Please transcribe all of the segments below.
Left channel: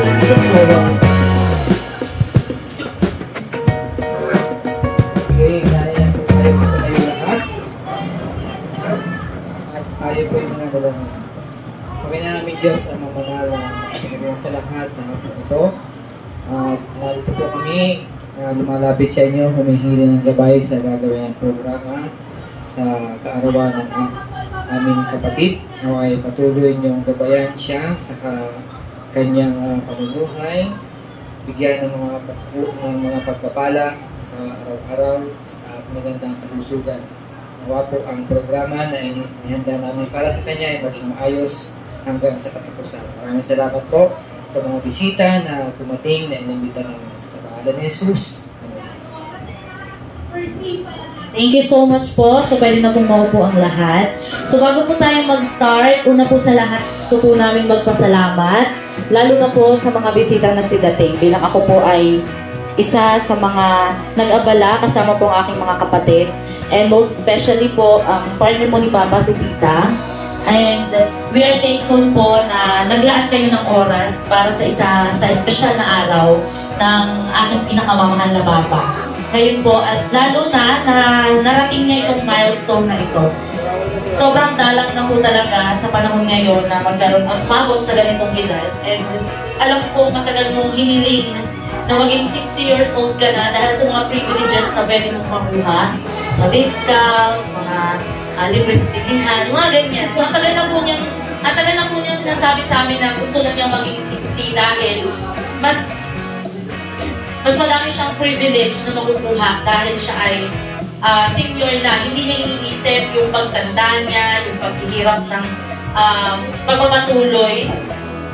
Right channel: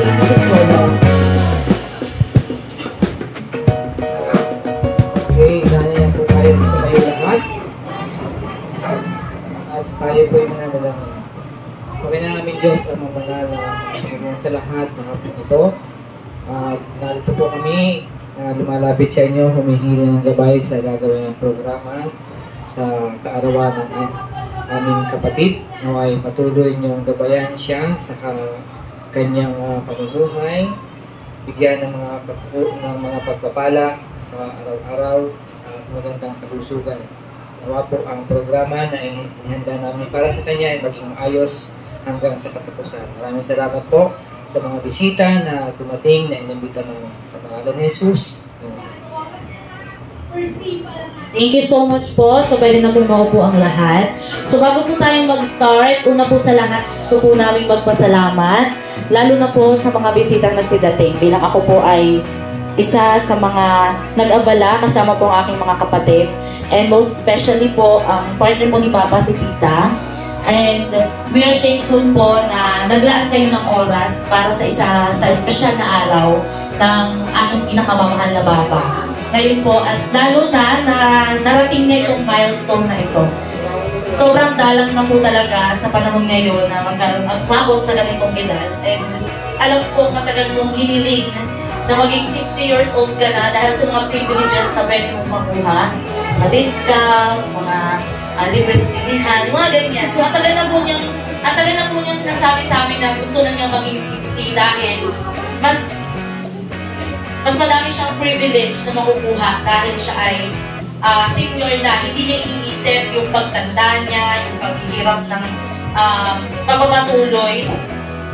Okay, naya po tayo sa kayo lahat. At tayo po yung nanalangin. Pagkanya namin Diyos ang mabangal sa lahat sa hapon ito. Narito po kami lumalapit sa inyo, humihingi ng gabay sa gagawin ng programa sa kaarawan ng aming kapatid. Naway patuloy niyong gabayan siya sa kanyang pamumuhay, bigyan ng mga pagpapala sa araw-araw sa magandang kalusugan. Nawa po ang programa na inihanda namin para sa kanya ay maging maayos hanggang sa katapusan. Maraming salamat po sa mga bisita na tumating na inimbita namin. Sa pangalan ni Jesus. Thank you so much po. So, pwede na po maupo ang lahat. So, bago po tayo mag-start, una po sa lahat, gusto po namin magpasalamat. Lalo na po sa mga bisitang nagsidating. Bilang ako po ay isa sa mga nag-abala kasama po ang aking mga kapatid. And most especially po, ang partner po ni Papa, si Tita. And we are thankful po na naglaan kayo ng oras para sa espesyal na araw ng aking pinakamamahal na Papa. Ngayon po, at lalo na narating niya itong milestone na ito. Sobrang dalang na po talaga sa panahon ngayon na magkaroon at pabot sa ganitong edad. And alam ko matagal mong hiniling na maging 60 years old ka na dahil sa mga privileges na pwede mong makuha. Mga discount, mga libre sa sinihan, mga ganyan. So, ang tagal na po niya sinasabi sa amin na gusto na niya maging 60 dahil mas madami siyang privilege na makukuha dahil siya ay senior na. Hindi niya iniisip yung pagtanda niya, yung paghihirap ng pagpapatuloy.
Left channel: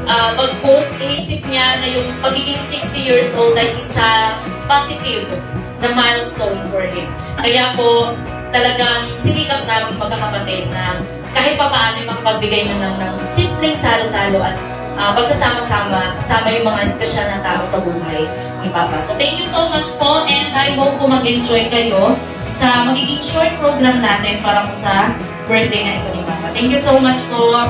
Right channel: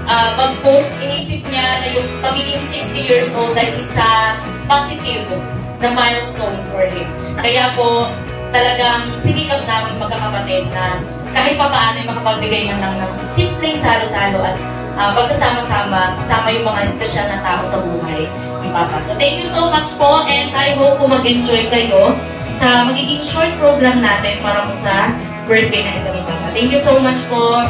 Bagkus, inisip niya na yung pagiging 60 years old ay isa positive na milestone for him. Kaya po, talagang sinikap namin magkakapatid na kahit pa paano yung makapagbigay man lang ng simpleng salo-salo at pagsasama-sama kasama yung mga espesyal na tao sa buhay ni Papa. So thank you so much po and I hope po mag-enjoy kayo sa magiging short program natin para po sa birthday na ito ni Papa. Thank you so much po.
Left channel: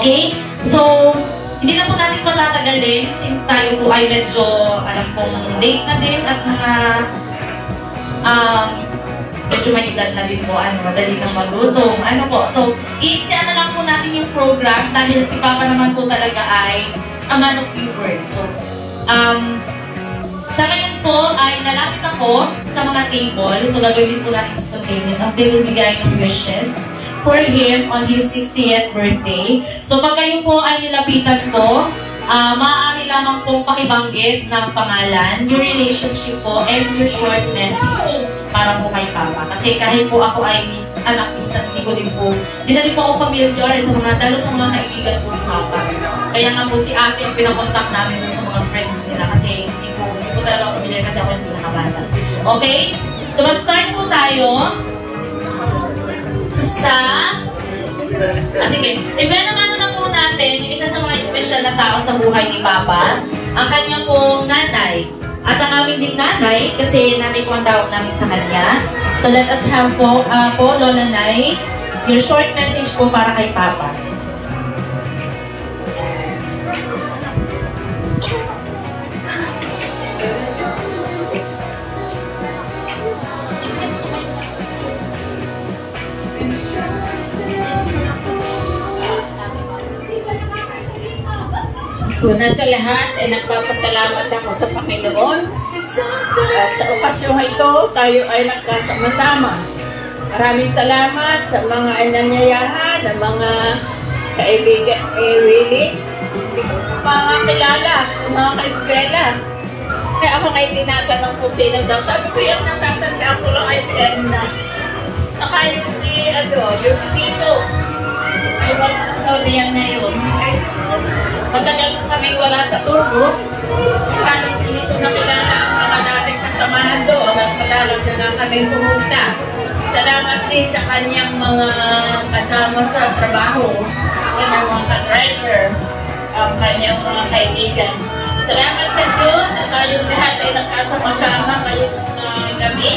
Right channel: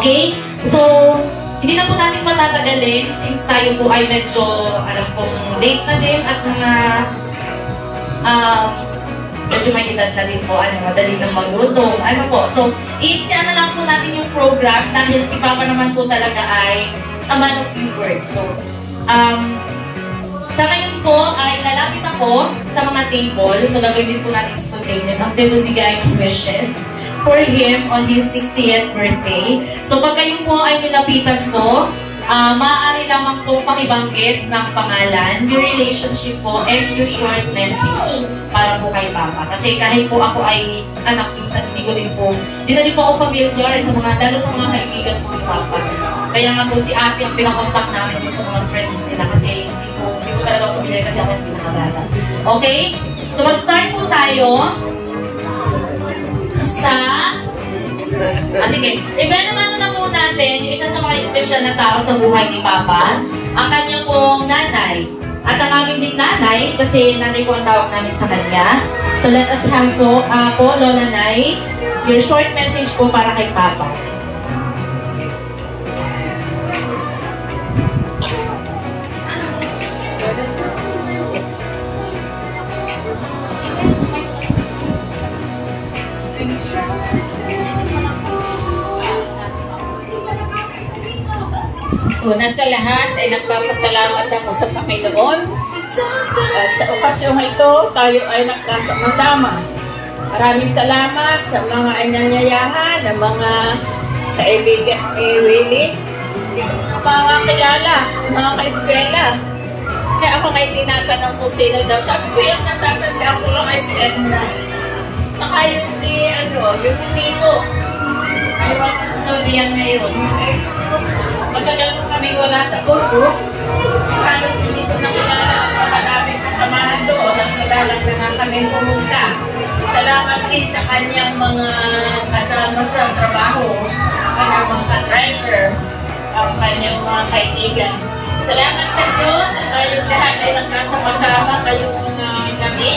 Okay? So, hindi na po natin matatagalin since tayo po ay medyo, alam pong late na din at mga medyo may edad na din po, madali nang magluto, So, iiksiyan na lang po natin yung program dahil si Papa naman po talaga ay a man of few words. So, sa ngayon po ay lalapit ako sa mga table. So, gagawin din po natin spontaneous ang pinibigay ng wishes for him on his 60th birthday. So, pag kayo po ay nilapitan ko, maaari lamang pong pakibanggit ng pangalan, your relationship po, and your short message para po kay Papa. Kasi kahit po ako ay anak minsan, hindi na din po ako familiar lalo sa mga kaibigan po ni Papa. Kaya nga po si Ate ang pinakontak namin sa mga friends nila kasi hindi po talaga ako familiar kasi ako yung pinakabata. Okay? So mag-start po tayo sa sige, naman na po natin yung isa sa mga espesyal na tao sa buhay ni Papa, ang kanya pong nanay. At ang aming din nanay, kasi nanay po ang tawag namin sa kanya. So let us have po, Lola Nay, your short message po para kay Papa. Una sa lahat ay nagpapasalamat ako sa Panginoon at sa okasyong ito tayo ay nagkasama-sama. Maraming salamat sa mga inanyayahan, ng mga kaibigan ni Willie, mga kilala, mga kaeskwela. Kaya ako ngayon tinatanong kung sino daw. Sabi ko yung natatanda ko lang ay si Edna. Saka yung yung si Tito. Ay wala niyan na yun. Matagal po kami wala sa Urgos. Lalo hindi ko nakilala ang mga dating kasamahan doon at malalang na kami pumunta. Salamat din sa kanyang mga kasama sa trabaho, kanyang mga driver, ang kanyang mga kaibigan. Salamat sa Diyos at tayong lahat ay nagkasama-sama kayong mga gabi.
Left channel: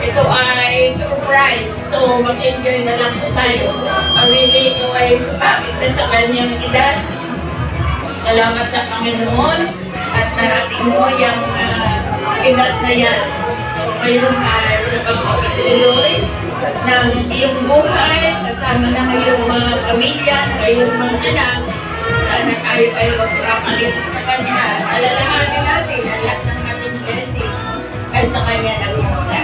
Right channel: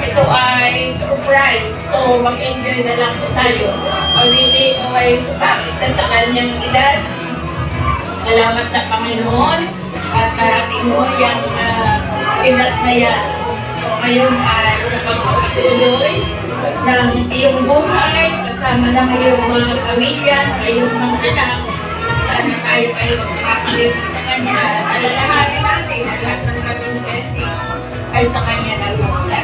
Ito ay surprise. So mag-enjoy na lang po tayo. Awili ito ay sumapit na sa kanyang edad. Salamat sa Panginoon at narating mo yung edad na yan. So ngayon ay sa pagpapatuloy ng iyong buhay, kasama ng iyong mga pamilya, iyong mga anak, sana tayo ay magpapalipot sa Kanya at alalahanin natin na lahat ng ating blessings ay sa Kanya nagmumula.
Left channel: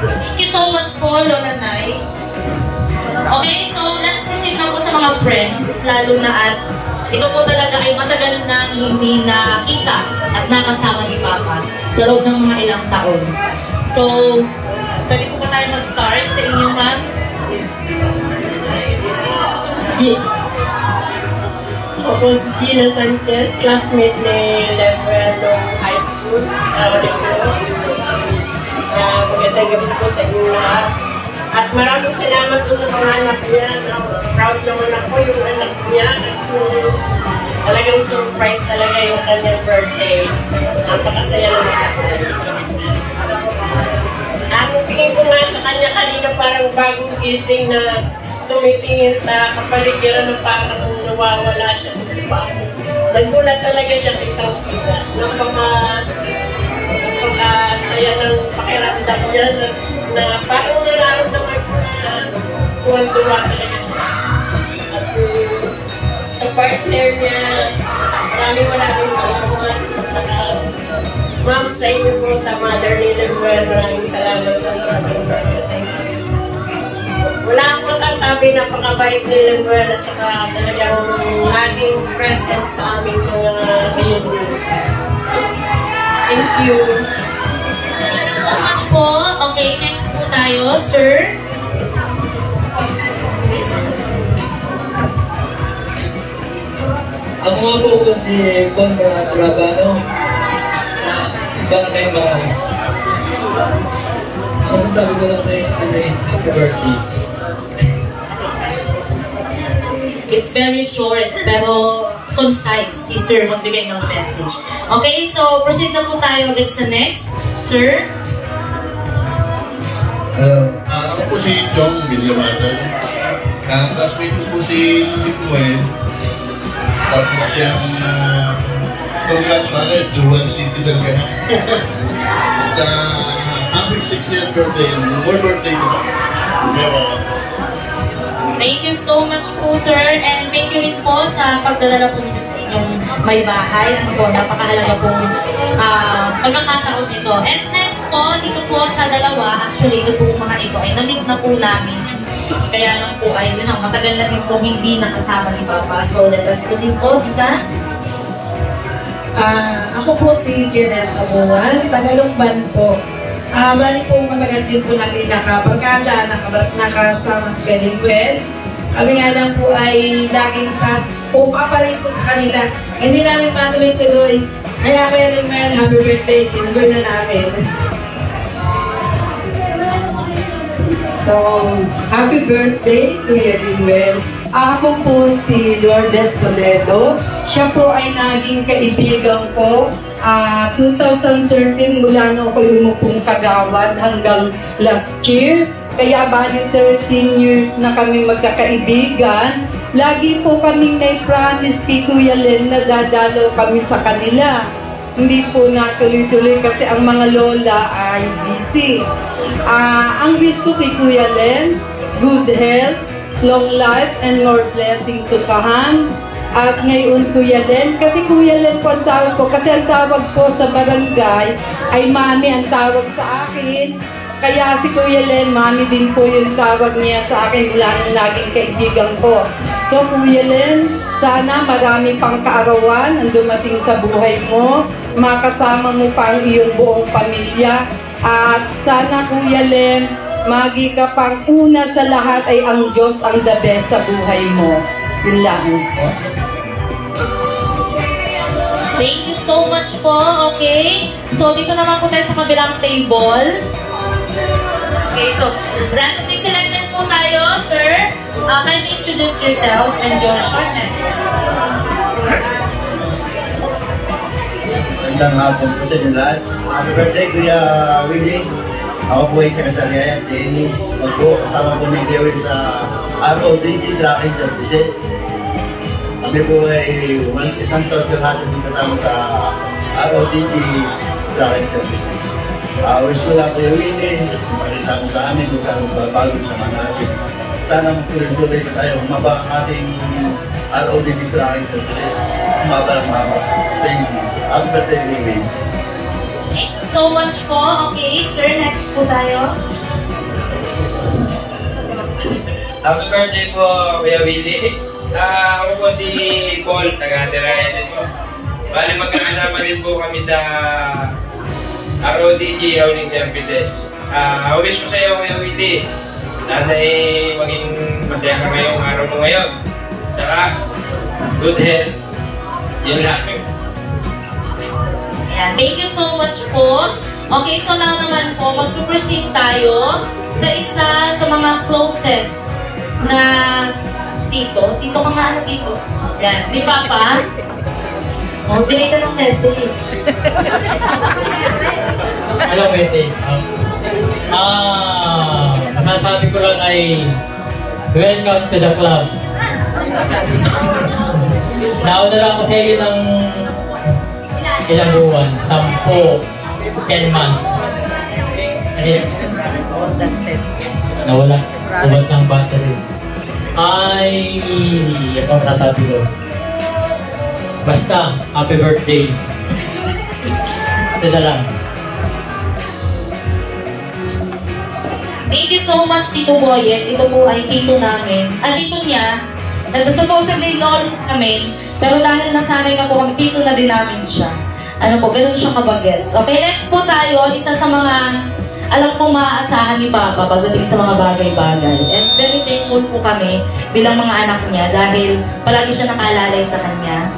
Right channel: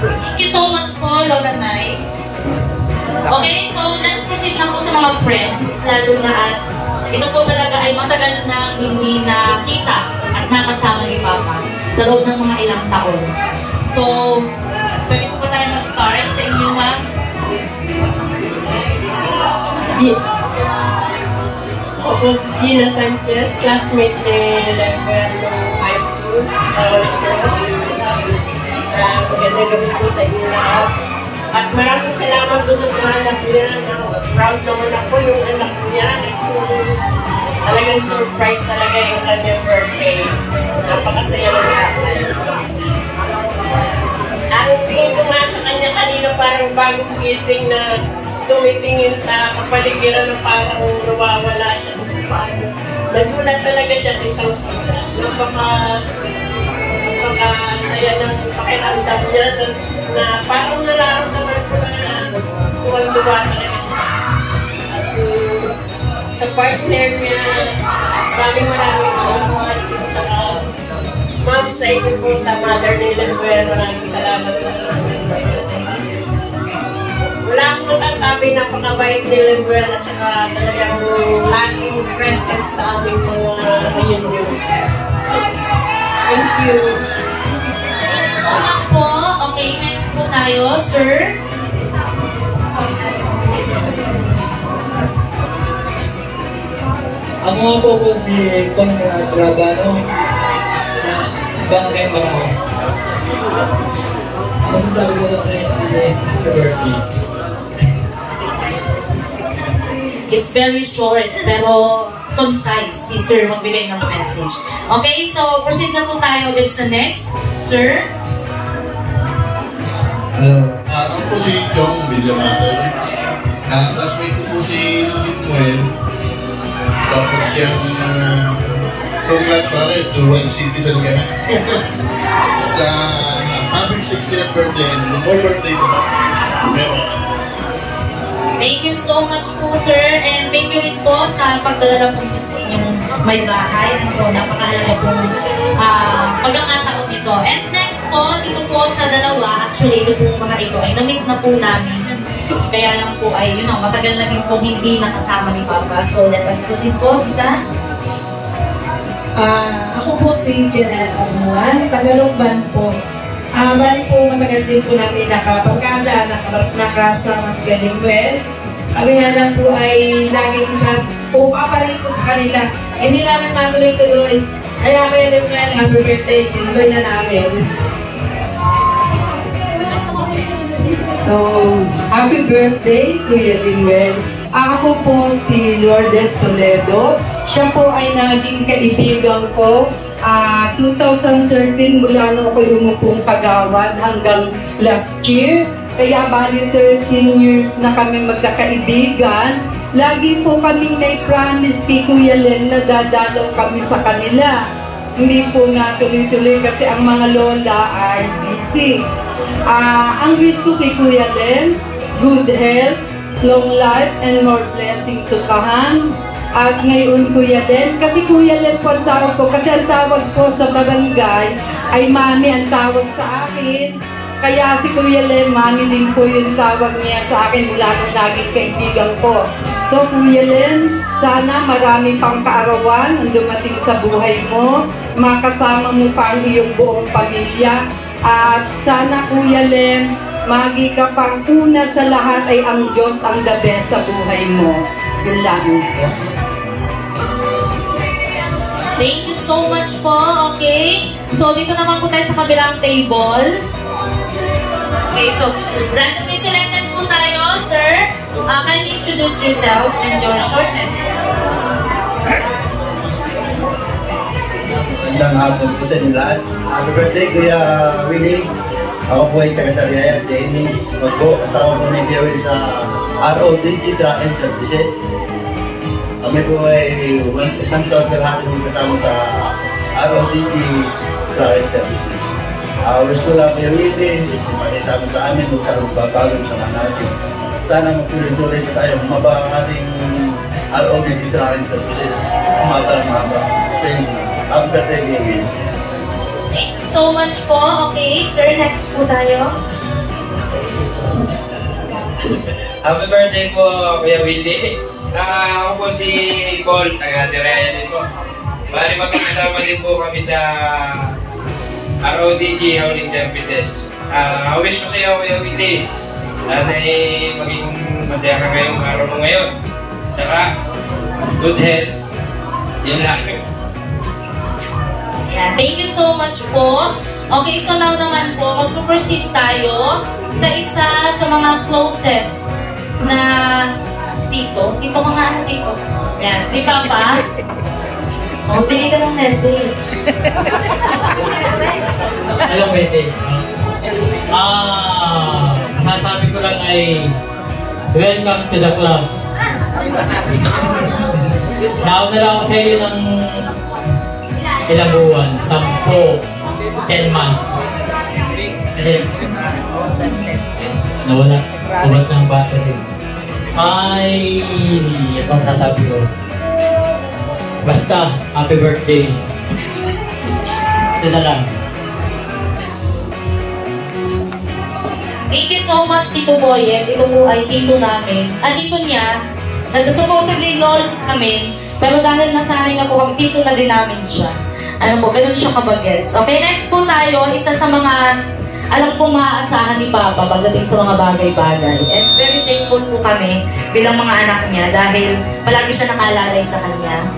Thank you so much po, Lola Nay. Okay, so let's proceed na po sa mga friends, lalo na at ito po talaga ay matagal na hindi nakita at nakasama ni Papa sa loob ng mga ilang taon. So, pwede po ba tayo mag-start sa inyo, ma'am? Ako si Gina Sanchez, classmate ni Lemuel High School sa Church. Magandang gabi po sa inyo lahat. At maraming salamat po sa mga anak niya. Proud naman ako yung anak niya. Talagang surprise talaga yung kanyang birthday. Napakasaya ng lahat. Ang tingin ko nga sa kanya kanina parang bagong gising na tumitingin sa kapaligiran na parang nawawala siya sa paano. Nagulat talaga siya kitang kita. Napakasaya ng pakiramdam niya na parang nararamdaman ko na tuwan-tuwa talaga siya. At sa partner niya, maraming salamat. Saka ma'am, sa inyo po, sa mother ni Lemuel, maraming salamat po sa ating birthday. Wala akong masasabi, napakabait ni Lemuel at saka talagang laging present sa aming mga reunion. Thank you. Thank you so much po. Okay, next po tayo, sir. Ako nga po si Kong Trabano sa Barangay Marami. Masasabi ko lang kay happy birthday. It's very short, pero concise. Si Sir magbigay ng message. Okay, so proceed na po tayo ulit sa next. Sir? Ako po si Chong Villamater. Classmate ko po si Lemuel. Tapos yung congrats pare, dual citizen ka na. Sa happy 60th birthday, more birthday mo. Thank you so much po, sir. And thank you rin po sa pagdadala po nito sa inyong may bahay. Ano po, napakahalaga pong pagkakataon nito. And next po, dito po sa dalawa, actually, ito po mga ito ay na-meet na po namin. Kaya lang po ay, yun ang matagal na din po hindi nakasama ni Papa. So, let us proceed po, Dita. Ako po si Jeanette Abuan, Tagalogban po. Bali po matagal din po natin nakapagkanda, nakasama si Lemuel. Kami nga lang po ay laging umapalit ko sa kanila. Hindi namin matuloy-tuloy. Kaya kaya Lemuel, happy birthday, tinuloy na namin. So, happy birthday, Kuya Lemuel. Ako po si Lourdes Toledo. Siya po ay naging kaibigan ko 2013 mula nung ako lumupong kagawad hanggang last year. Kaya bali 13 years na kami magkakaibigan. Lagi po kami may promise kay Kuya Len na dadalaw kami sa kanila. Hindi po natuloy-tuloy kasi ang mga lola ay busy. Ang wish ko kay Kuya Len, good health, long life, and more blessing to Kahan. At ngayon Kuya Len, kasi Kuya Len po ang tawag ko, kasi ang tawag po sa barangay ay Mami ang tawag sa akin. Kaya si Kuya Len, Mami din po yung tawag niya sa akin mula ng laging kaibigan ko. So Kuya Len, sana marami pang kaarawan ang dumating sa buhay mo, makasama mo pa ang iyong buong pamilya. At sana Kuya Len, magi ka pang una sa lahat ay ang Diyos ang the best sa buhay mo. Yun lang po. Thank you so much po. Okay. So, dito naman po tayo sa kabilang table. Okay, so, randomly selected po tayo, sir. Kindly introduce yourself and your short message. Magandang hapon po sa inyo lahat. Happy birthday, Kuya Willie. Ako po ay taga-Sariaya, Dennis. Kasama po ni Kuya Willie sa RODG Tracking Services. Kami po ay isang taon lahat din kasama sa ROTG Traffic Services. Wish ko lang kayo Willie, makisama sa amin kung saan magbabago sa mga natin. Sana magtuloy-tuloy na tayo, humaba ang ating ROTG Traffic Services. Humaba. Thank you. Happy birthday, Willie. So much po. Okay, sir, next po tayo. Happy birthday po, Kuya Willie. Ako po si Paul, taga-Siraya din po. Bali, magkakasama din po kami sa ROTG Hauling Services. Wish ko sa iyo, Kuya Willie, sana maging masaya ka ngayong araw mo ngayon. Tsaka, good health. Yun lang. Ayan, thank you so much po. Okay, so now naman po, mag-proceed tayo sa isa sa mga closest na tito. Tito ka nga, ano tito? Ayan, di Papa? Bigay ka ng message. Anong message? Masasabi ko lang ay welcome to the club. Nauna lang ako sa iyo ng ilang buwan, 10 months. Kasi nawala ng battery. Ay, ito ang sasabi ko. Basta, happy birthday. Ito na lang. Thank you so much, Tito Boyet. Ito po ay tito namin. Tito niya, supposedly lolo kami, pero dahil nasanay na po ang tito na din namin siya. Ano po, ganun siya kabagets. Okay, next po tayo, isa sa mga alam po maaasahan ni Papa pagdating sa mga bagay-bagay. And very thankful po kami bilang mga anak niya dahil palagi siya nakaalalay sa kanya.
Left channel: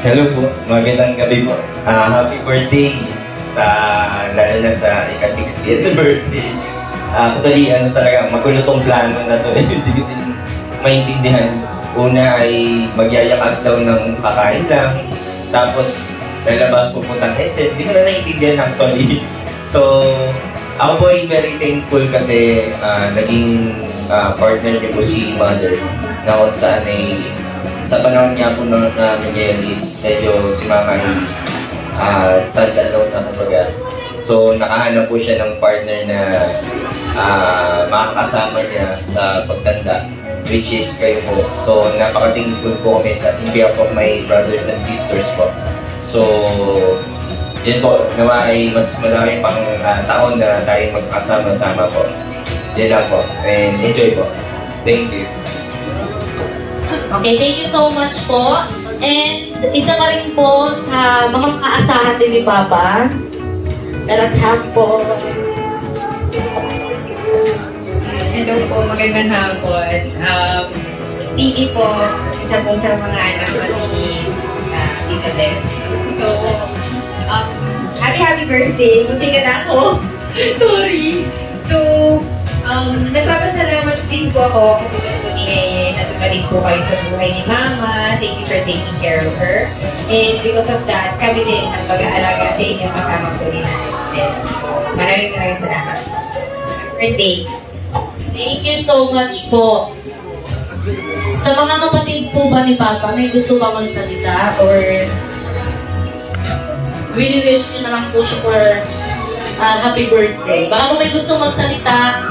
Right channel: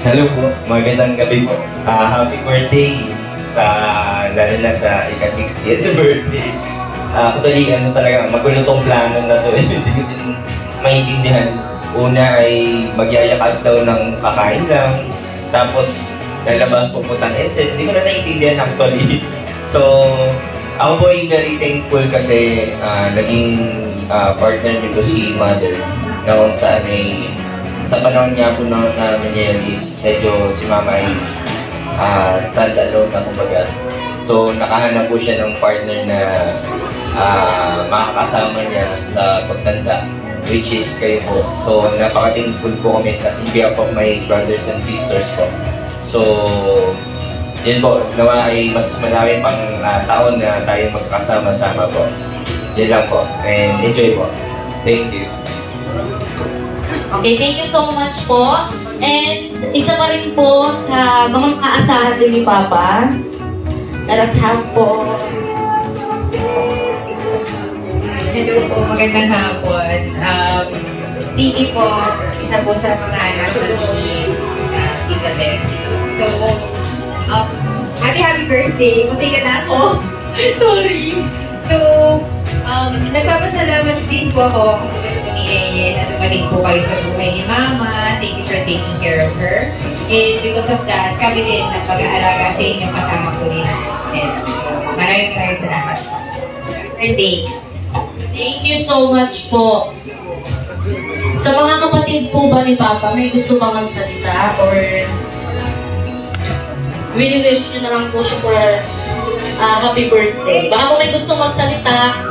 Hello po, magandang gabi po. Happy birthday lalo na sa ika-60th birthday. Actually, talaga, magulo tong plano na to. Hindi ko din maintindihan. Una ay magyayakag daw ng kakain lang. Tapos, lalabas pupuntang SM. Hindi ko na naiintindihan actually. So, ako po ay very thankful kasi naging partner niyo po si Mother. Na kung saan ay sa panahon niya po na nangyayos, medyo si Mama ay stand-alone na kumbaga. So, nakahanap po siya ng partner na makakasama niya sa pagtanda, which is kayo po. So, napaka-thankful po kami in behalf of my brothers and sisters po. So, yun po, nawa ay mas marami pang taon na tayo magkasama-sama po. Yun lang po. And enjoy po. Thank you. Okay, thank you so much po. And isa pa rin po sa mga makaasahan din ni Papa. Let us have po. Hello po, magandang hapon. Titi po, isa po sa mga anak ni Tito Len. So, happy birthday. Munti ka na ako. Sorry. So, nagpapasalamat din po ako na dumating po kayo sa buhay ni Mama. Thank you for taking care of her. And because of that, kami din ang pag-aalaga sa inyo kasama po ni Nanay. Maraming salamat. Birthday. Thank you so much po. Sa mga kapatid po ba ni Papa, may gusto ba magsalita? Or wish nyo na lang po siya for happy birthday? Baka po may gusto magsalita.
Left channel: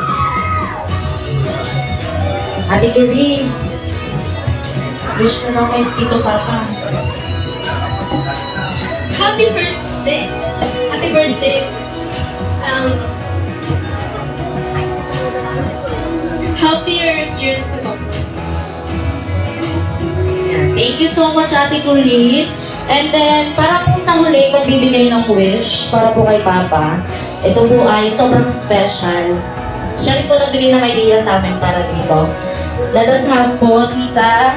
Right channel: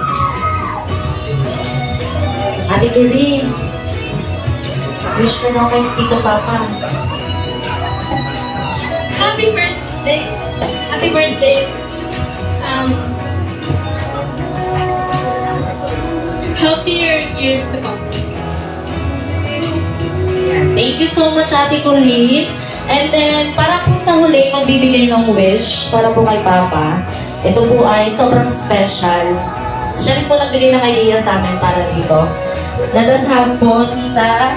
Ate Doreen, wish na lang kay Tito Papa. Happy birthday. Happy birthday. Healthier years to come. Yeah. Thank you so much, Ate Doreen. And then, para po sa huli, magbibigay ng wish para po kay Papa. Ito po ay sobrang special. Siya rin po nagbigay ng idea sa amin para dito. Let us have po, Tita.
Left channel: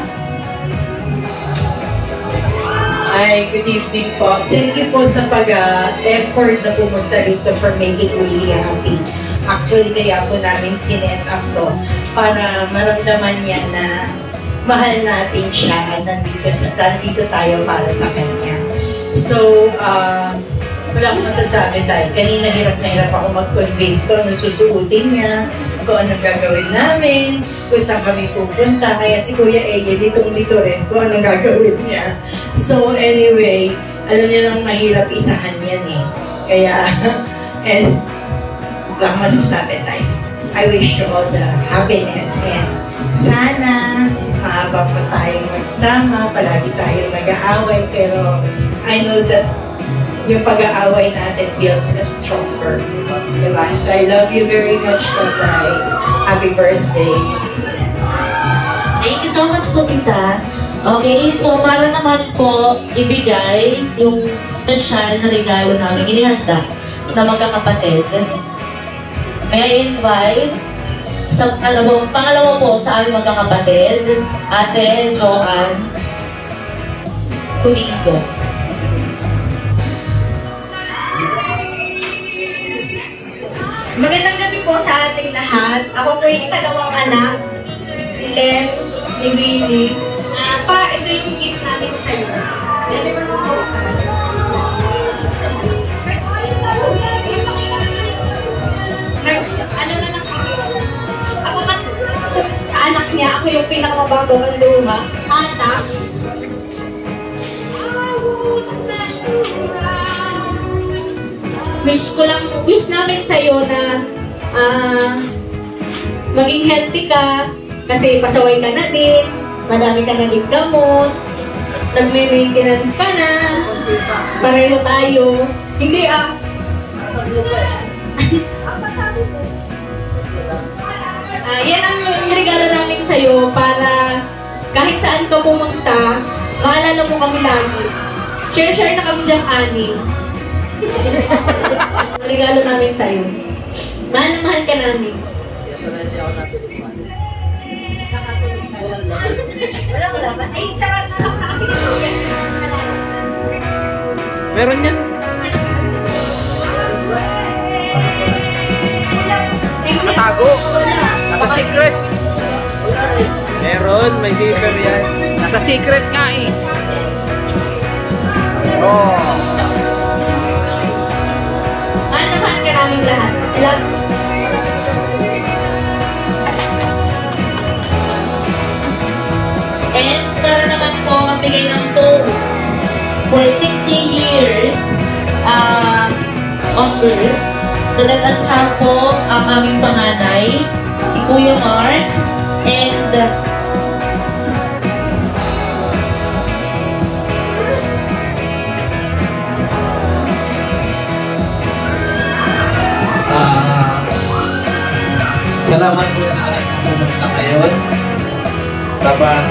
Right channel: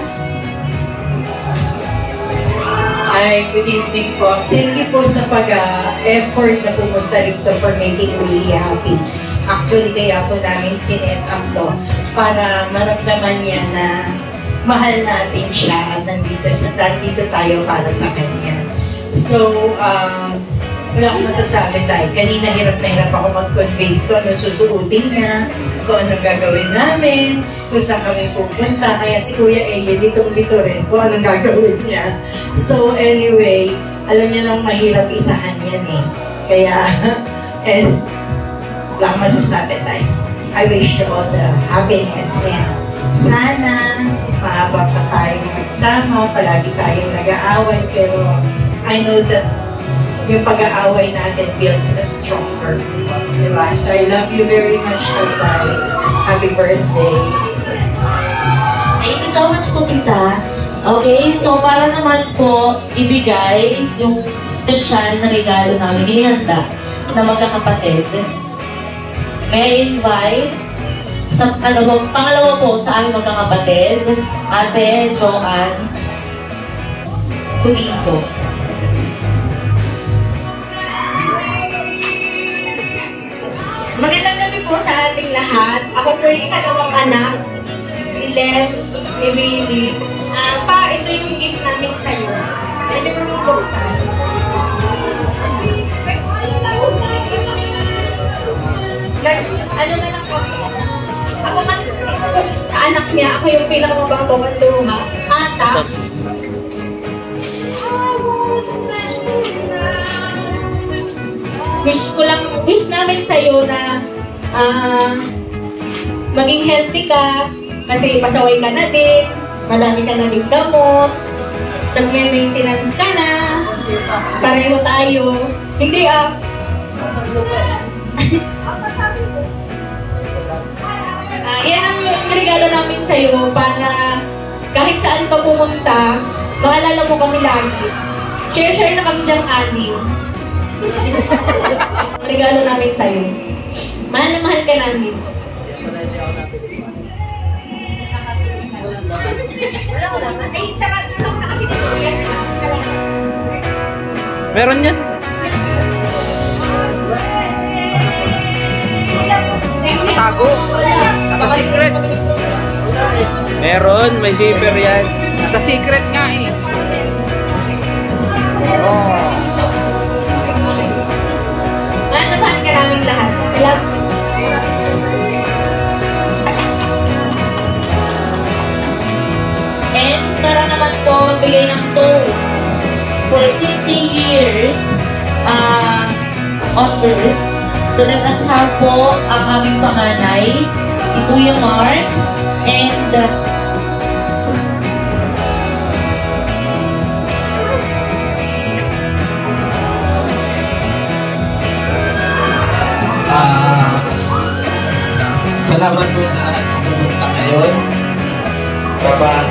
Hi, good evening po. Thank you po sa pag-effort na pumunta dito for making Willie happy. Actually, kaya po namin sinet up to para maramdaman niya na mahal natin siya at nandito tayo para sa kanya. So, Wala akong masasabi dahil kanina hirap na hirap ako mag-convince kung ano susuotin niya, kung anong gagawin namin, kung saan kami pupunta. Kaya si Kuya Eye, litong-lito rin kung anong gagawin niya. So anyway, alam niya lang mahirap isahan yan eh. Kaya, and wala akong masasabi tayo. I wish you all the happiness and sana maabot pa tayo magsama, palagi tayo nag-aaway, pero I know that yung pag-aaway natin feels stronger. Diba? So I love you very much, Tatay. Happy birthday. Thank you so much po, Tita. Okay, so para naman po ibigay yung special na regalo namin inihanda na magkakapatid. May I invite sa pangalawa po sa aming magkakapatid, Ate Joanne Tulingo. Magandang gabi po sa ating lahat. Ako po yung ikalawang anak, Len, ni Baby. Pa, ito yung gift namin sa'yo. Pwede ko naman po sa ano na lang kami. Ako anak niya, ako yung pinakamabagong ang luma. Ata. Wish namin sa'yo na maging healthy ka kasi pasaway ka na din, madami ka na din gamot, nagme-maintenance ka na, pareho tayo. Hindi yan ang regalo namin sa'yo para kahit saan ka pumunta, maalala mo kami lagi. Share na kami diyang anim. Regalo namin sa'yo. Mahal na mahal ka namin. Wala. Ay, charot na lang na kasi nito yan. Meron yan. Natago. Nasa secret. Meron, may zipper yan. Nasa secret nga eh. Oh. Mahal ka namin lahat. And para naman po magbigay ng toast for 60 years on Earth. So let us have po ang aming panganay, si Kuya Mark, and salamat po sa aking pumunta ngayon. Dapat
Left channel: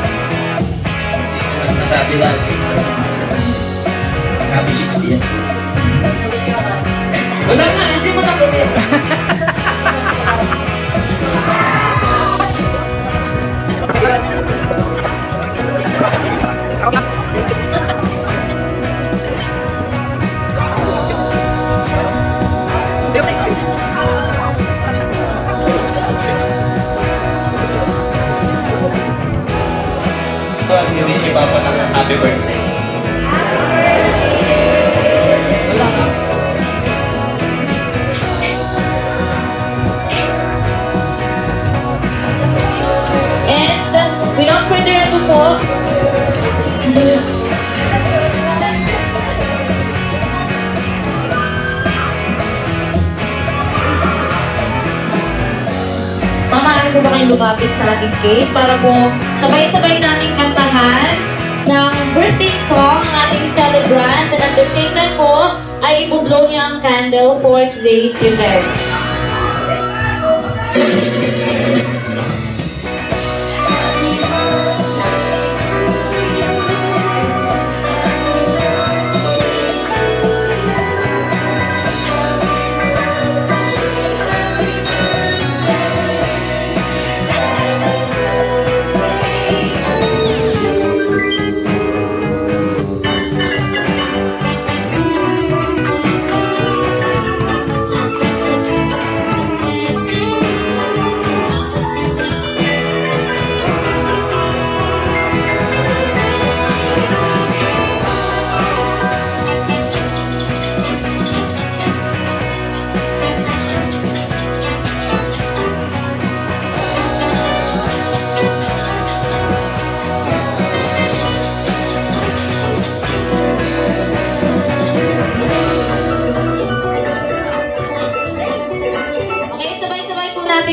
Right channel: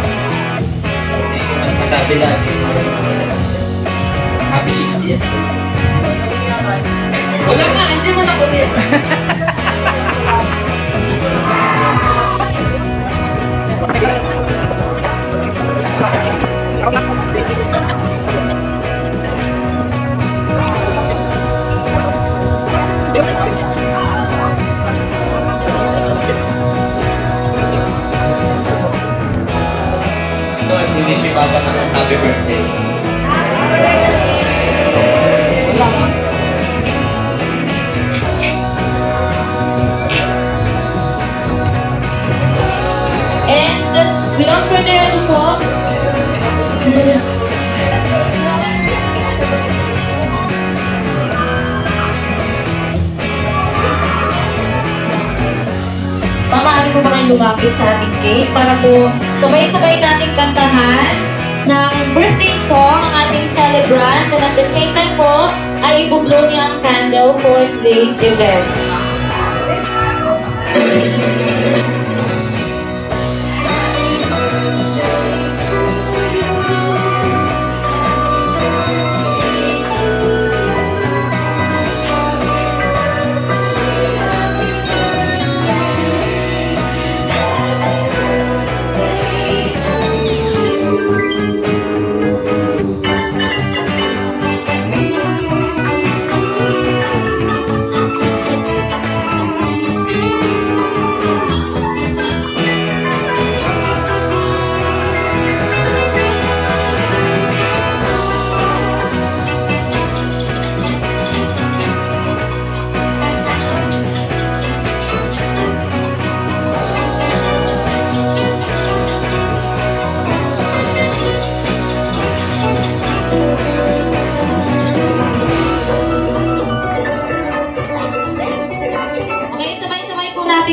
hindi ko man masabi lagi. Happy 60th. Wala nga, hindi mo na kunin. Hindi si Papa ng happy birthday. Wala ka. And without further ado po, maaari po ba kayo lumapit sa ating cake para po sabay-sabay natin kantahan ng birthday song ang ating celebrant, and at the same time po ay ibublow niya ang candle for today's event.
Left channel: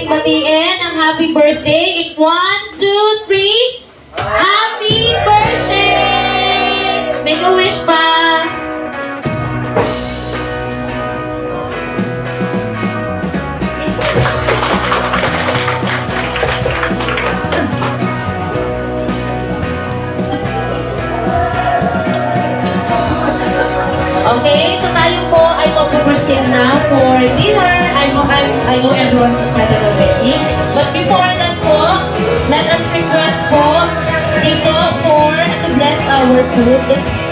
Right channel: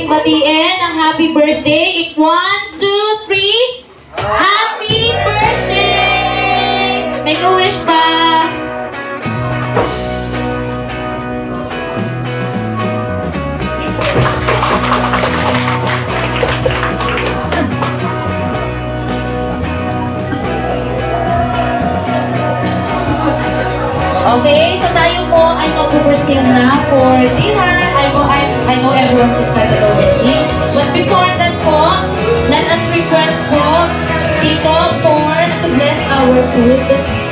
nating batiin ang happy birthday. In 1, 2, 3. Happy birthday! Make a wish pa! Okay, so tayo po ay mag-proceed na for dinner. I know everyone's excited already. But before that po, let us request po dito to bless our food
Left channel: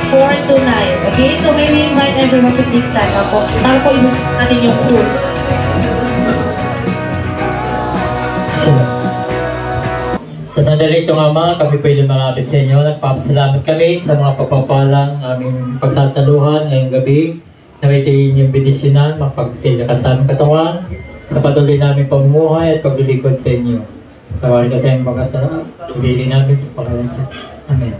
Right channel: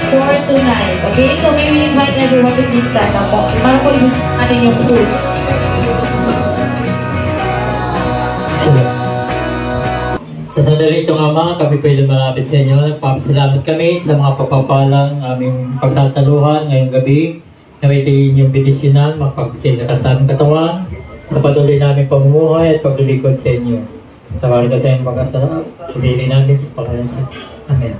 for tonight. Okay, so may we invite everyone to please stand up po. Para po ibig natin yung food. Sa sandali ito nga mga, kami po yung marami sa inyo. Nagpapasalamat kami sa mga papapalang aming pagsasaluhan ngayong gabi. Nawitiin yung bidisyonan, magpagtila ka sa aming katawan, sa patuloy namin pamumuhay at paglilingkod sa inyo. Sa kawarin ka sa inyong pagkasarap, ibili namin sa pangalan sa Amen.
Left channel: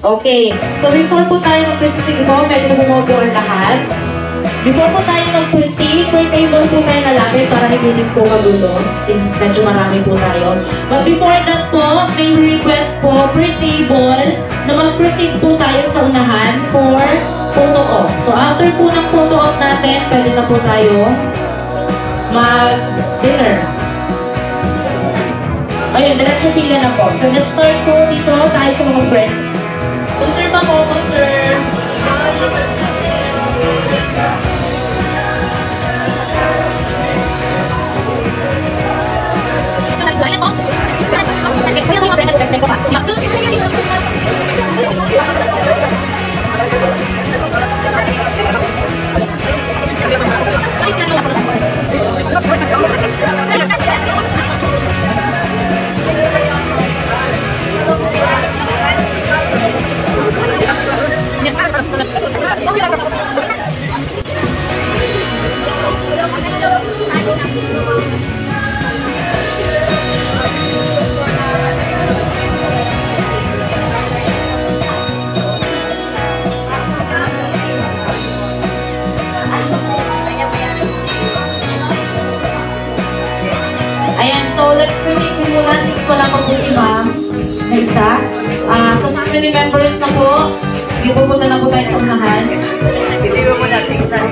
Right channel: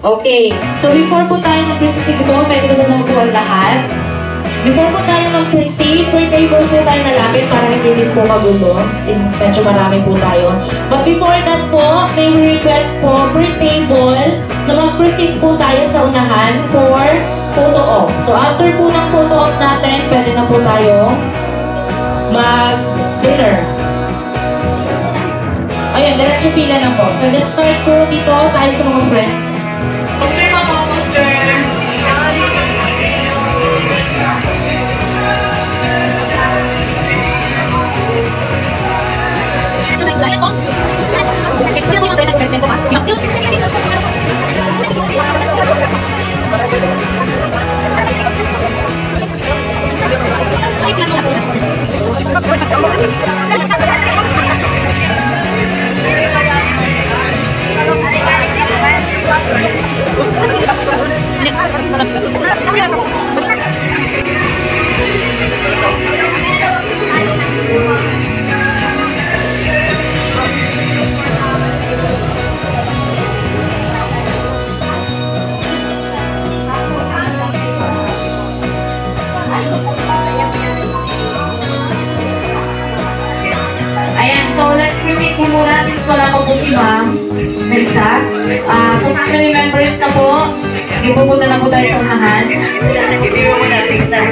Okay, so before po tayo mag-proceed po, pwede na po po ang lahat. Before po tayo mag-proceed, per table po tayo nalapit para hindi din po magulo, since medyo marami po tayo. But before that po, may request po per table na mag-proceed po tayo sa unahan for photo op. So after po ng photo op natin, pwede na po tayo mag-dinner. Ayun, diretso pila na po. So let's start po dito tayo sa mga friends. Poster pa po, poster. So family members na po, ipupunta na po tayo sa unahan. Hindi mo muna, tingnan.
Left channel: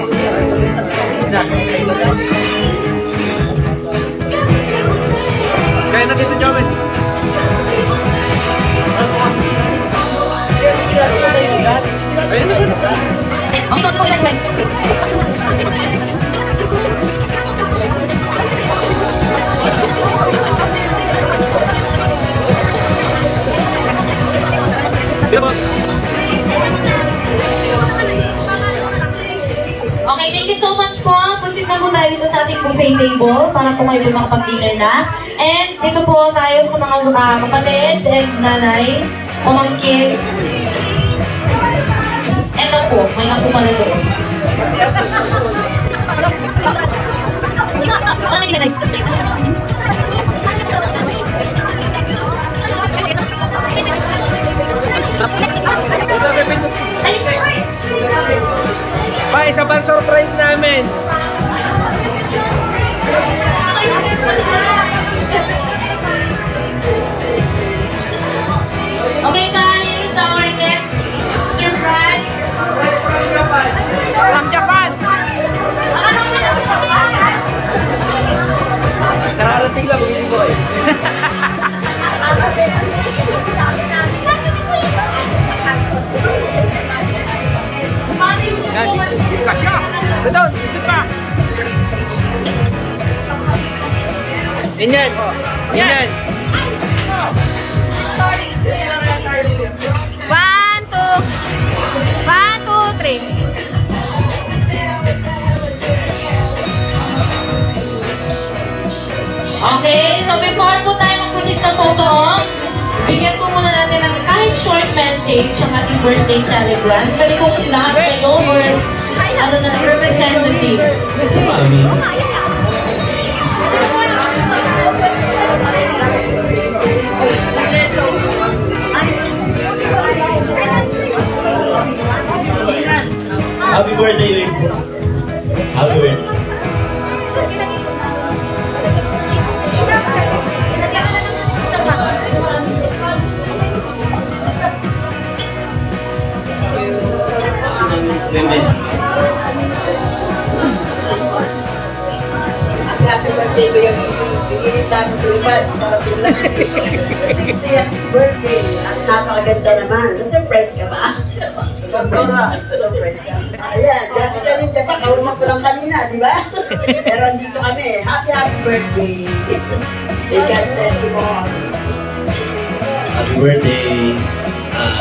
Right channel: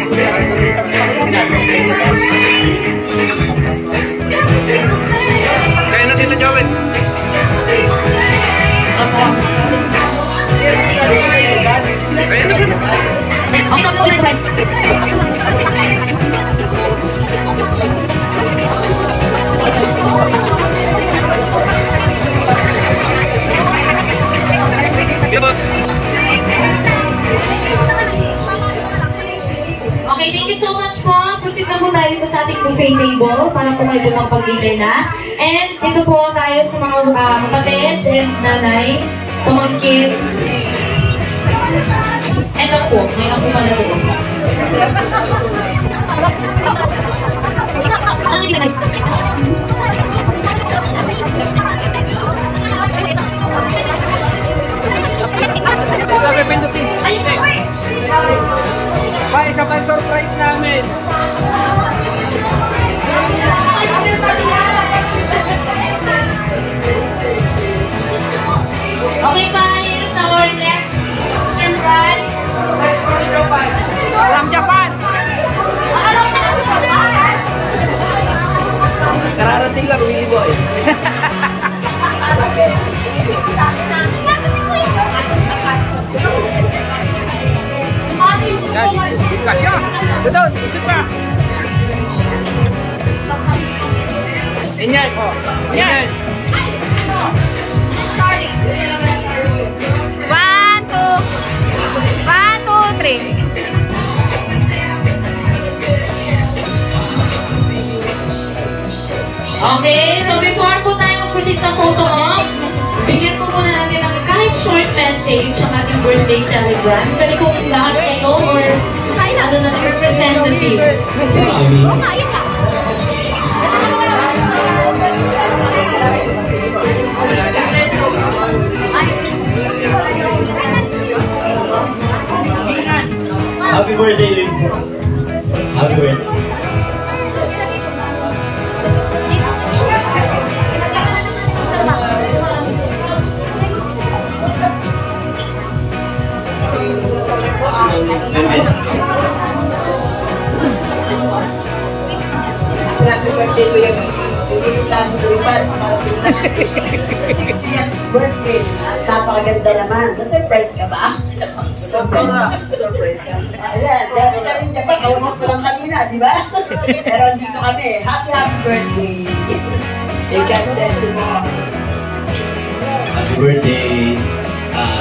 Kaya na dito, Joel. Okay, thank you so much po. Proceed na po tayo dito sa ating buffet table para po kayo makapag-dinner na. And ito po tayo sa mga kapatid and nanay, pamangkin. Ito po, may ako pala doon. Ay, isa pa yung surprise namin. Okay tayo sa our next surprise. From Japan. Kararating lang, Willy Boy. Kasya! Betul, isip pa! Inyan! Inyan! 1, 2, 3. Okay, so before po tayo mag-proceed sa photo op, bigyan po muna natin ng kahit short message ang ating birthday celebrant. Pwede po lang kayo or ano na representative. Happy birthday, Happy birthday. birthday ko yung inilitan ko tulipad para tingnan. 60th birthday. Napakaganda naman. Na-surprise ka ba? Surprise ka. Ayan, dati kami dyan pa, kausap ko lang kanina, di ba? Pero dito kami, happy birthday. May God bless you po. Happy birthday.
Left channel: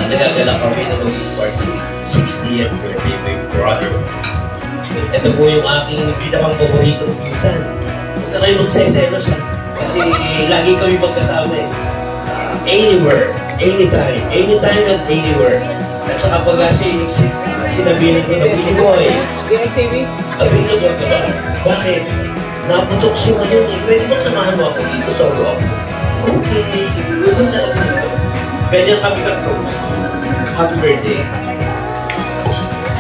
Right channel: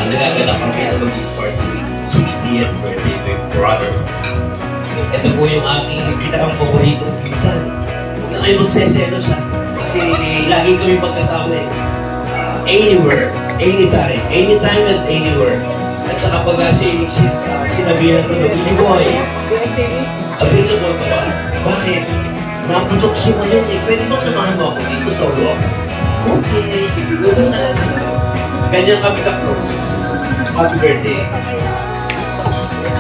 Nagagala kami na maging party 60th birthday my brother. Ito po yung aking pinakang paboritong pinsan. Huwag na kayo magseselos ha. Kasi lagi kami magkasama eh. Anywhere, anytime and anywhere. At saka pag sinabihan ko na Billy Boy, available ka ba? Bakit? Naputok siya ngayon eh. Pwede bang samahan mo ako dito solo ako? Okay, siguro na lang ako. Ganyan kami ka-close. Happy birthday.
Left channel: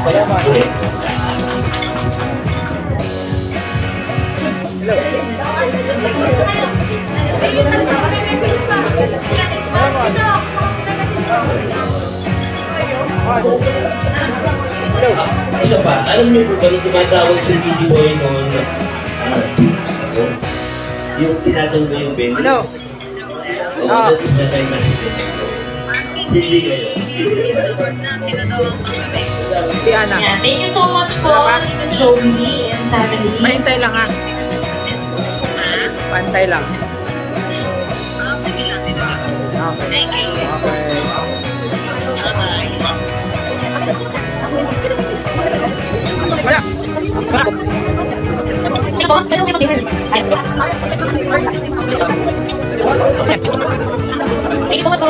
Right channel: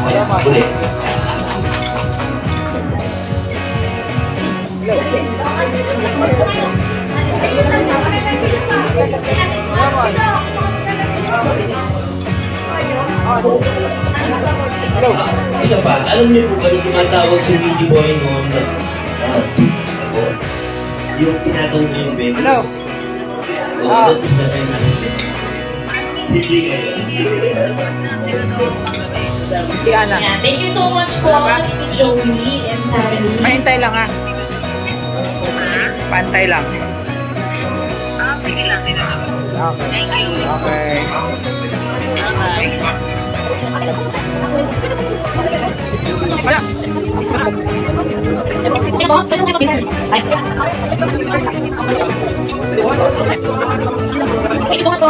Ayan, ulit. Hello. Hello. Isa pa, alam niyo po kami tinatawag si Billy Boy noong 2 weeks ago. Yung tinatanong ko yung Venice. Hello. That's the time na hindi kayo. Si Ana. Yeah, thank you so much po, Tito Joey and family. Mahintay lang ha. Pantay lang. Sige lang, Tito. Okay. Thank you. Okay. Bye-bye. Wala. Thank you so much po.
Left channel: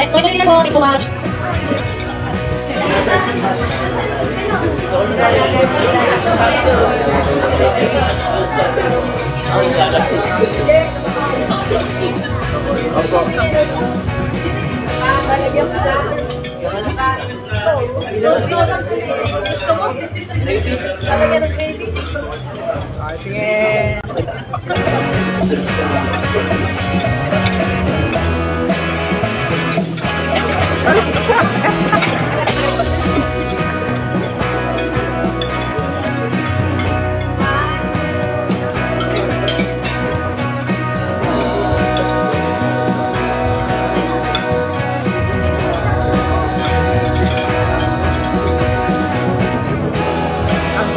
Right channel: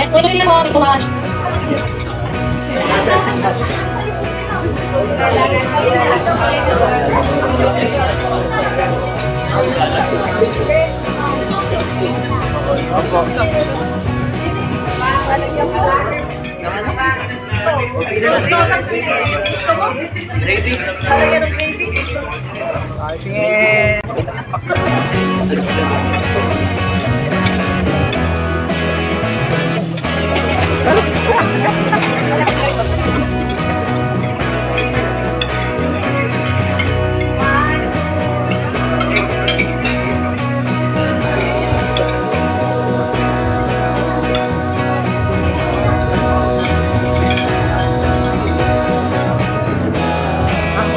Thank you so much. Opo. Tingin.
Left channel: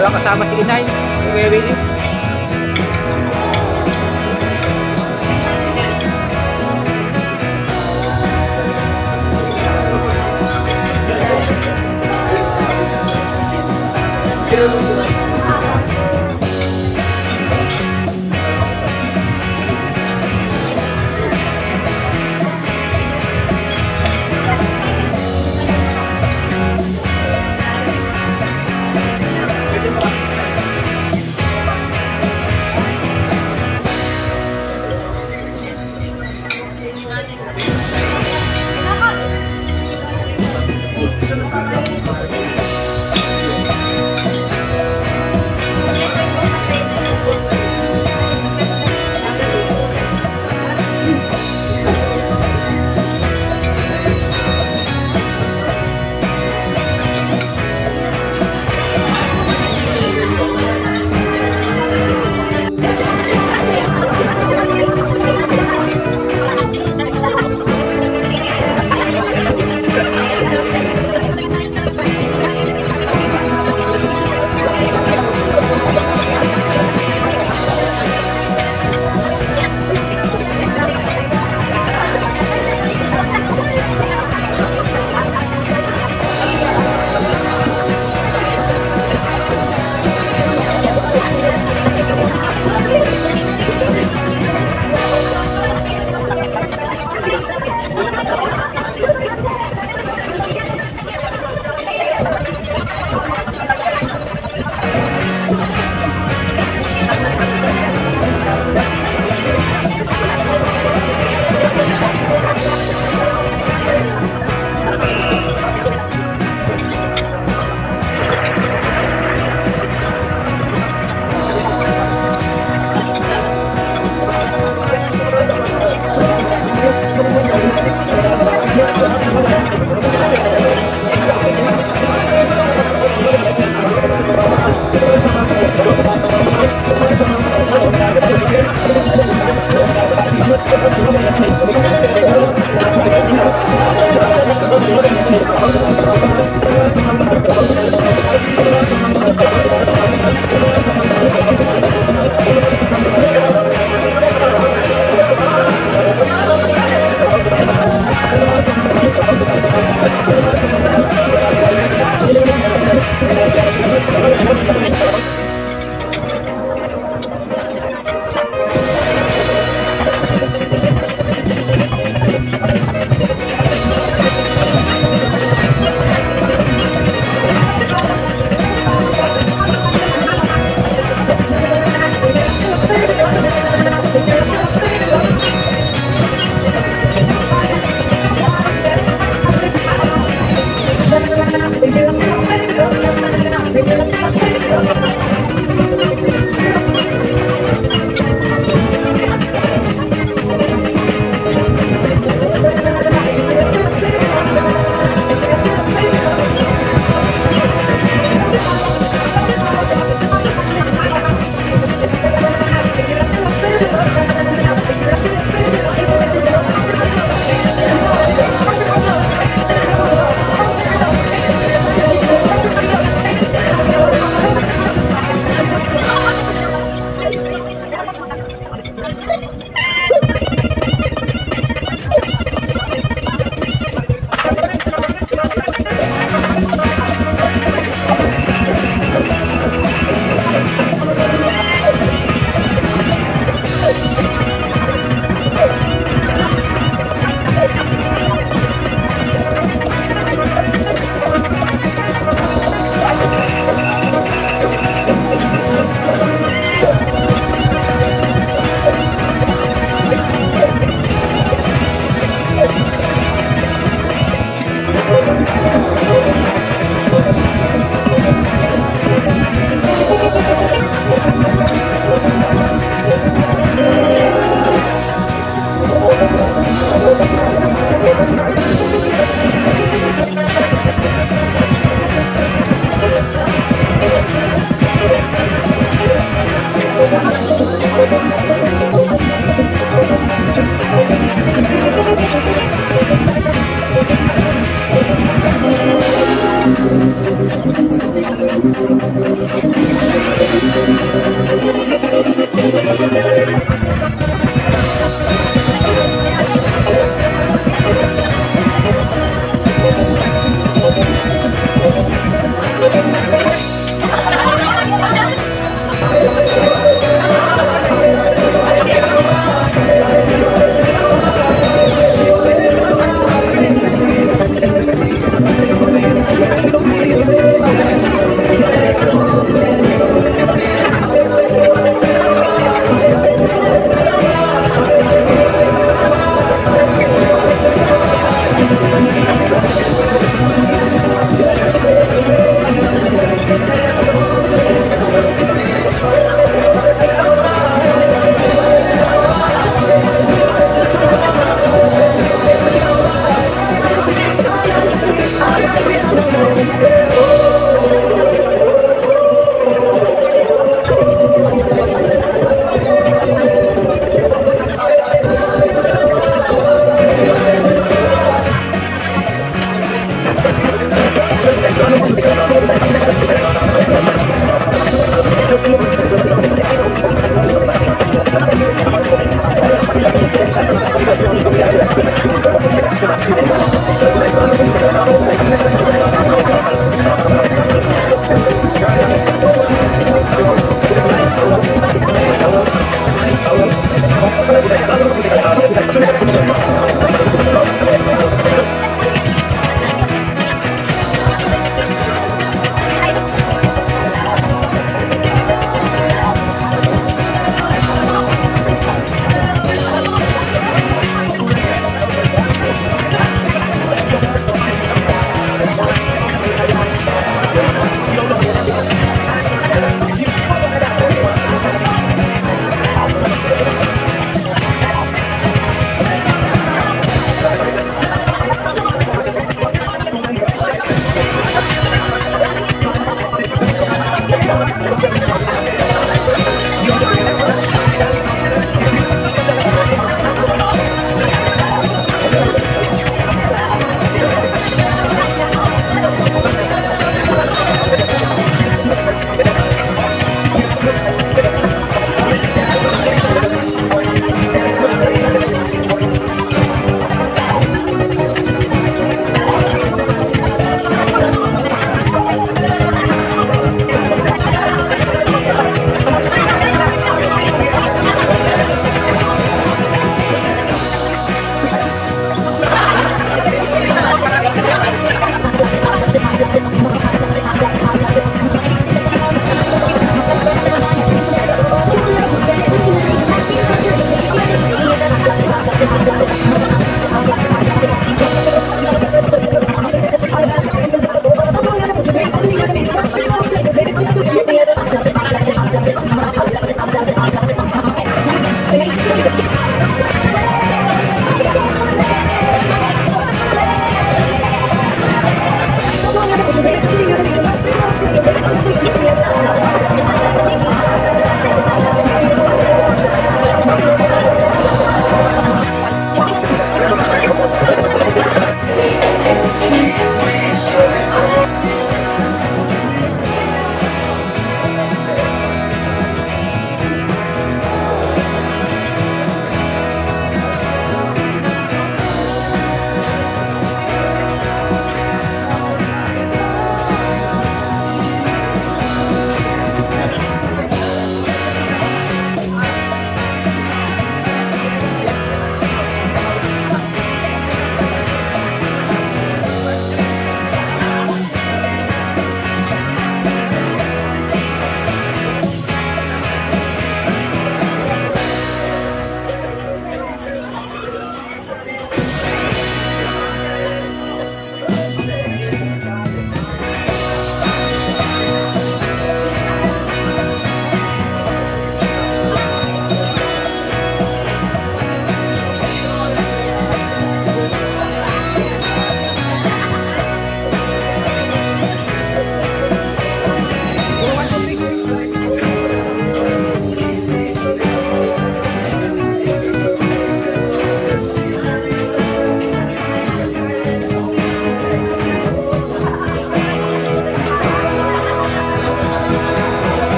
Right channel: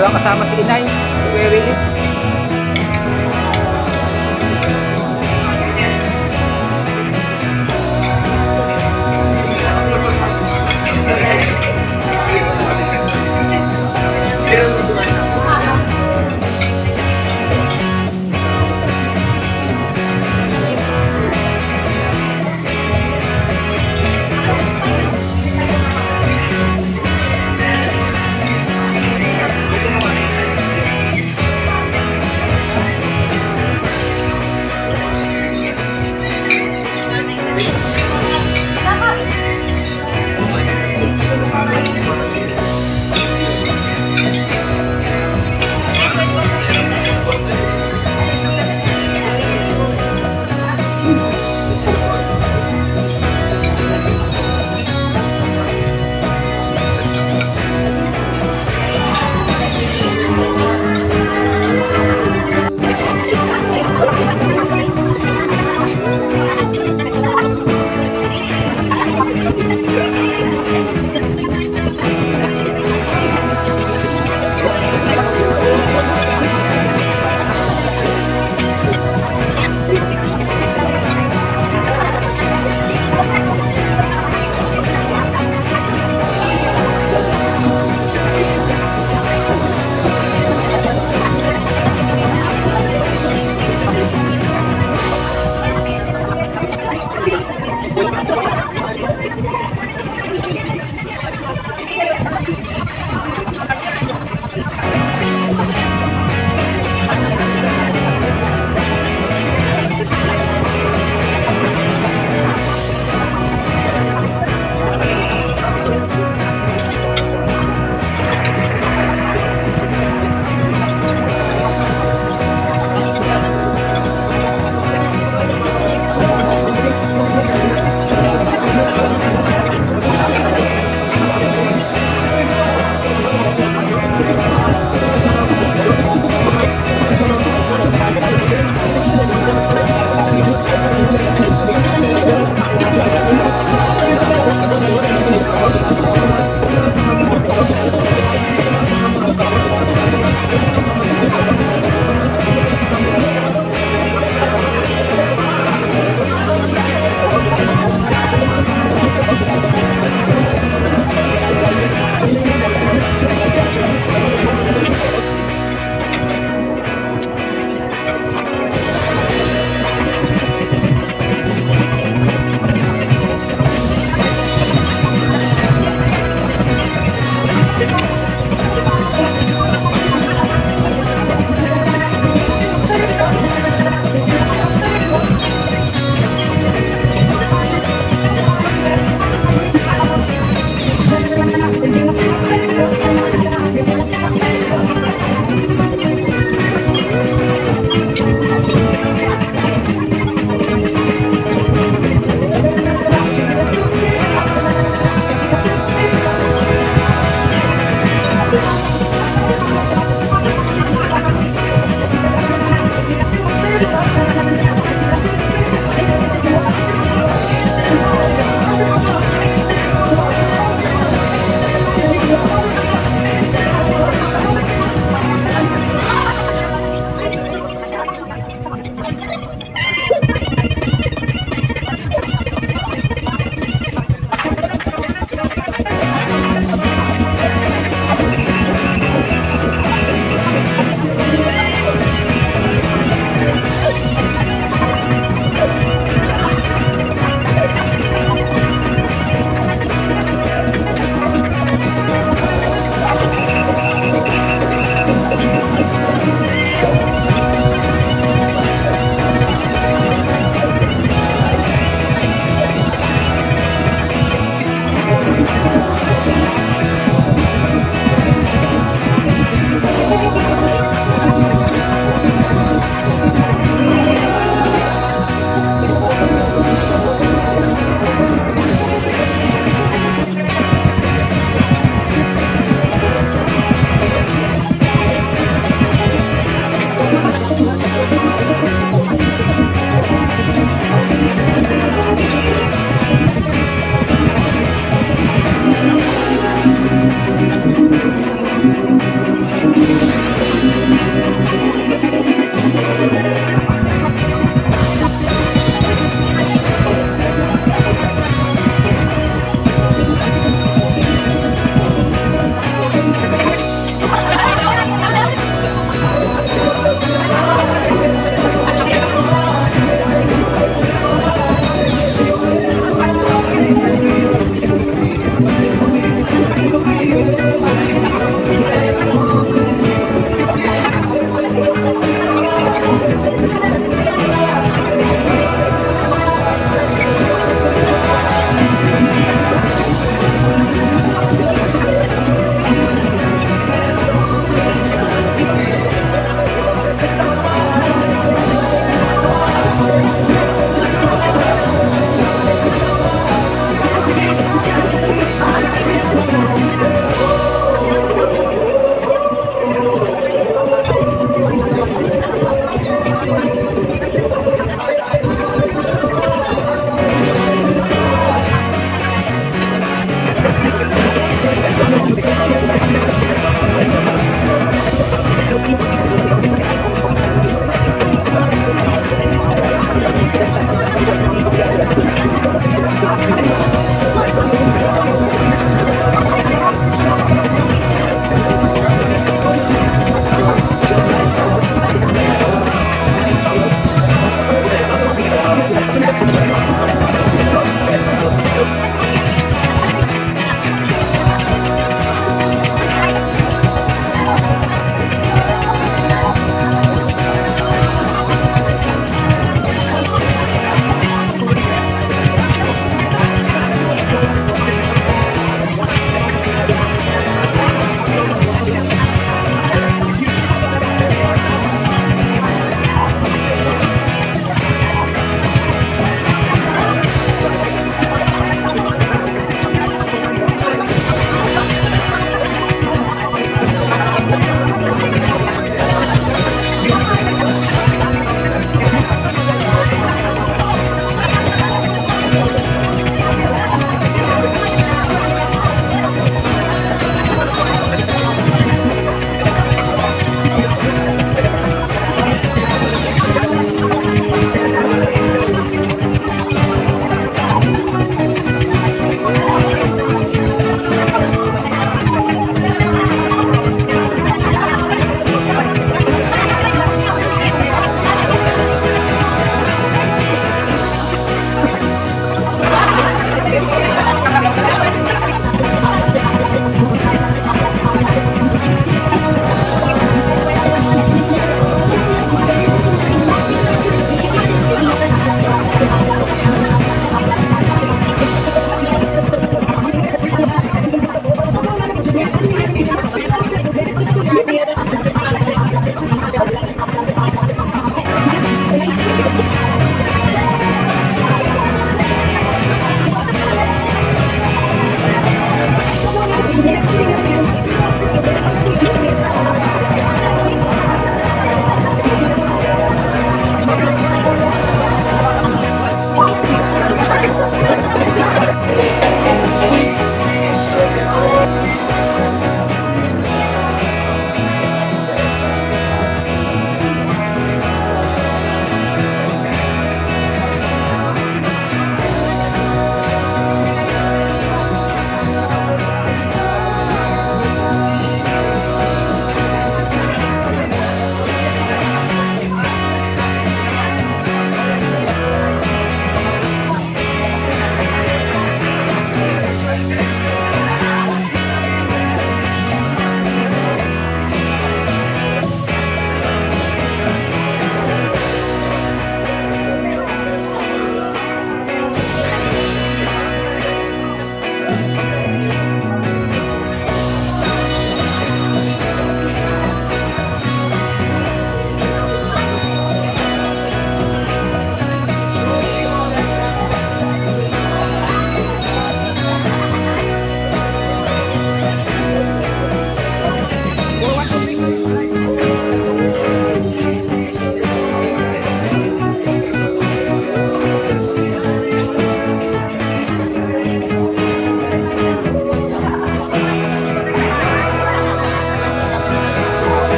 Wala kasama si Inay. Kuya Willie.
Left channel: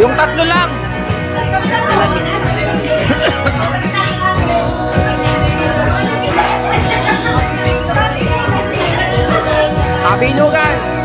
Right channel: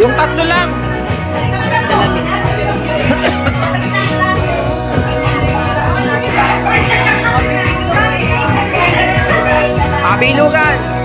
Yung tatlo lang. Pabilugan.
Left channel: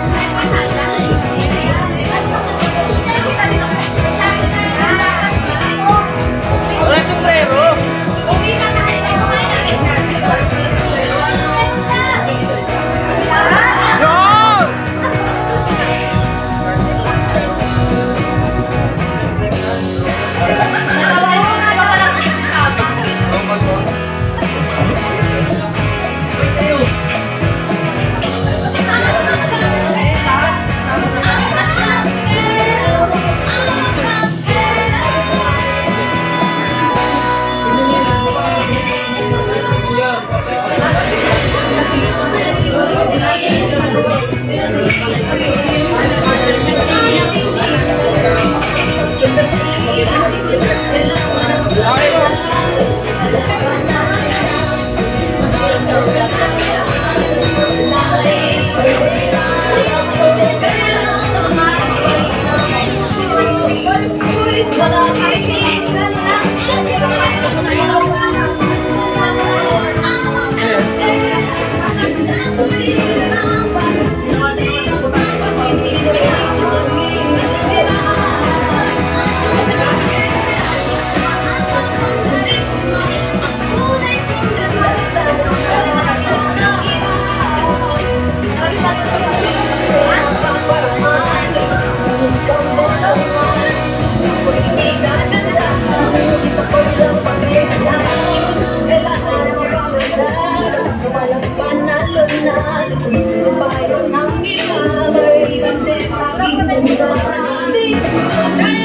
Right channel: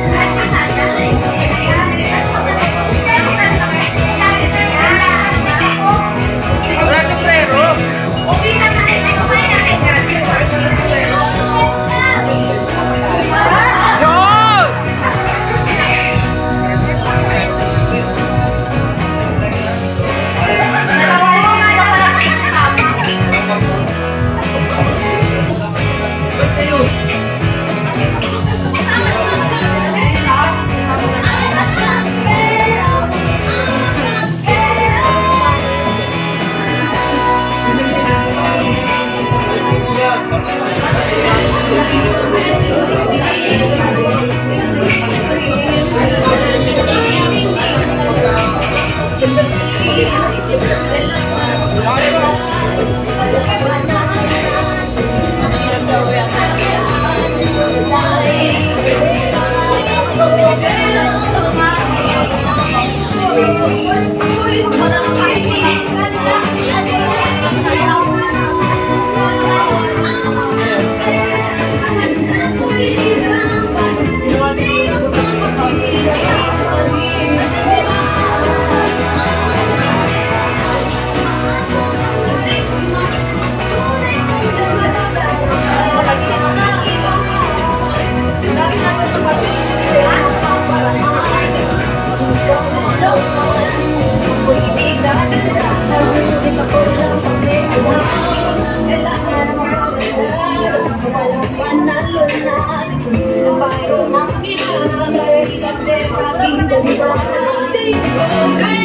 Thank you.